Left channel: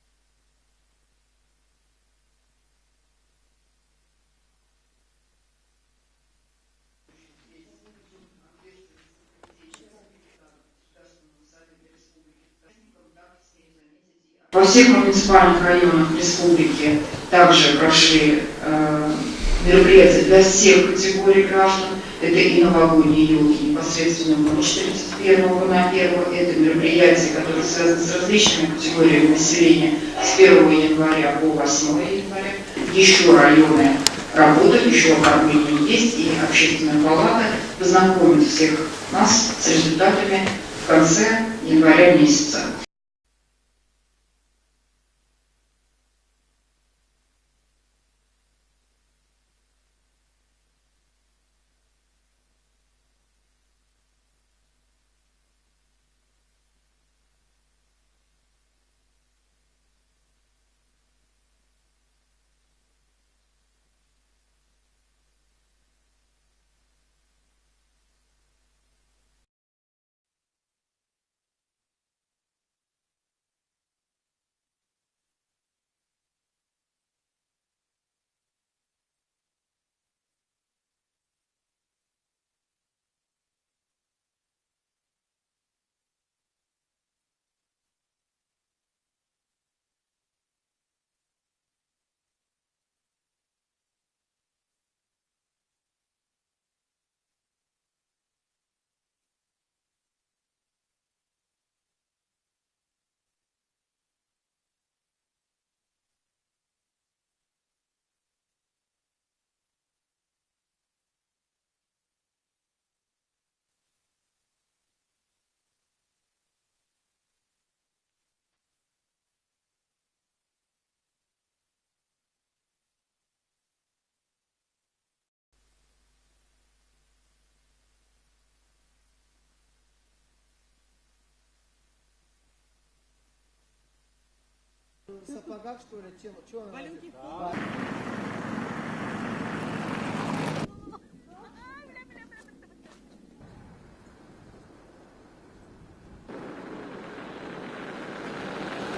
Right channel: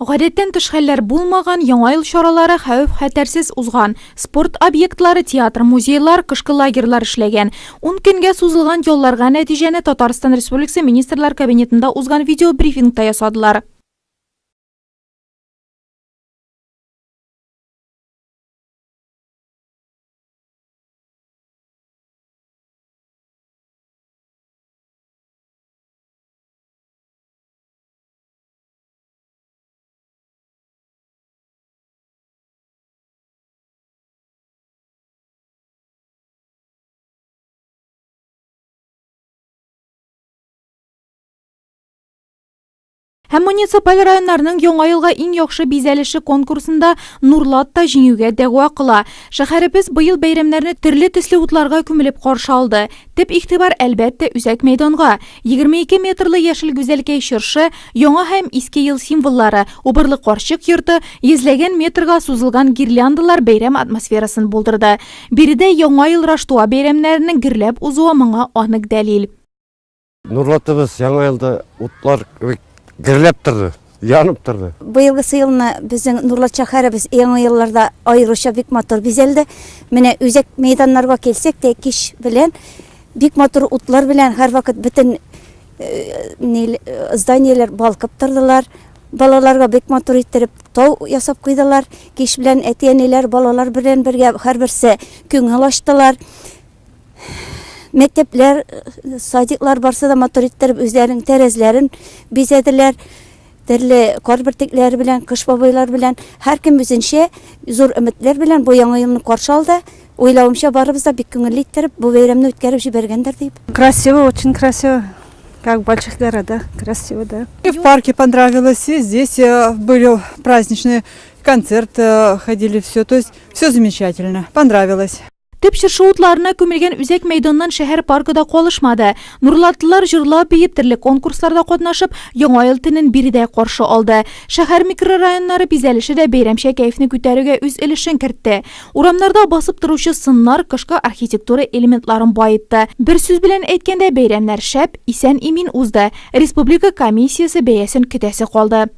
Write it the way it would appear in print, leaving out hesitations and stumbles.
Гадәттән тыш хәлләр булмаган, яңа ел чаралары хәвеф-хәтәрсез узган. Спорт объектлары, театр, музейлар, кышкы лагерьлар эшләгән. 10 көнгә сузылган ялларга нәтиҗәне Татарстан Республикасы Министрлар кабинетында узган видеобрифингта ясадылар. Во всех муниципальных районах республики также прошли мероприятия для всех категорий граждан. Это и новогодние елки непосредственно в ночь 31 на 1. Это мероприятия, которые связаны с различными категориями населения с 1 января по 8 января. Еще районы работают, еще оформление есть, и общественная палата познакомит всех нас с результатами в конце января месяца. Һәм муниципаль районнарның яңа елга иң яхшы бизәлеше конкурсында Нурлат та җиңүгә дәгъва кыла. Шәһәребез быел бәйрәмнәрне төрле төсле утларга күмелеп каршы алды. Төп игътибар әлбәттә үзәк мәйданга. 22 метрлы яшел гүзәлкәй чыршы, яңа һәм иске ел символлары, убырлы карчык йорты, йөзләгән метрга сузылган гирляндалар бәйрәм атмосферасын булдырды. Биредә яңа ел Раштуа бәйрәмнәренең гөрләп узуы моңа анык дәлил. Нурлатыбыз яңа елда утлар гірлеп тұрды, янып тұрды. Быйылгы сыйылны безнең Нурлат шәһәребез яңа елларда айрыша бик матур бизәлде. Менә үзәк мәйданнарга килсәк тә кич белән бик матур утлар белән һәрвакыт бөтен зданияләр балкып тордылар. Балаларга бик матур иттереп тау ясап куйдылар. Кич белән әтиәниләр балалар белән бергә һәрберсе күңел ачтылар. Мәктәпләр, садиклар барса да матур иттереп үзләренең тәрәзләрен бизәделәр. Төрле карбертекләр белән, кыш бабайлар белән, һәркем үзенчә зур өметләр белән бу яңа елны каршы алды. Уйлавымча барыбыз да бик күңелле иттереп бу бәйрәмне үткәреп җибәргәндер дип. Красиво, очень красиво. Как в больших городах, красиво, да. И в парке понравилось, и здесь были праздничные концерты, ходили все, то есть все замечательно, понравилось. Төп чыршы утларына күмелгән үзәк мәйданнан шәһәр паркыда калышмады. Нурлатлылар җырлап биеп, төрле конкурсларда катнашып, яңа ел төнен биредә каршы алды. Шәһәр микрорайоннары бизәлеше дә бәйрәмчә кәефне күтәрүгә үз өлешен кертте. Урамнарда басып торучы сыннар кышкы архитектура элементларын байытты. Бер сүз белән әйткәндә, бәйрәмнәр шәп, исән-имин узды. Республика комиссиясе бәясен көтәсе калды.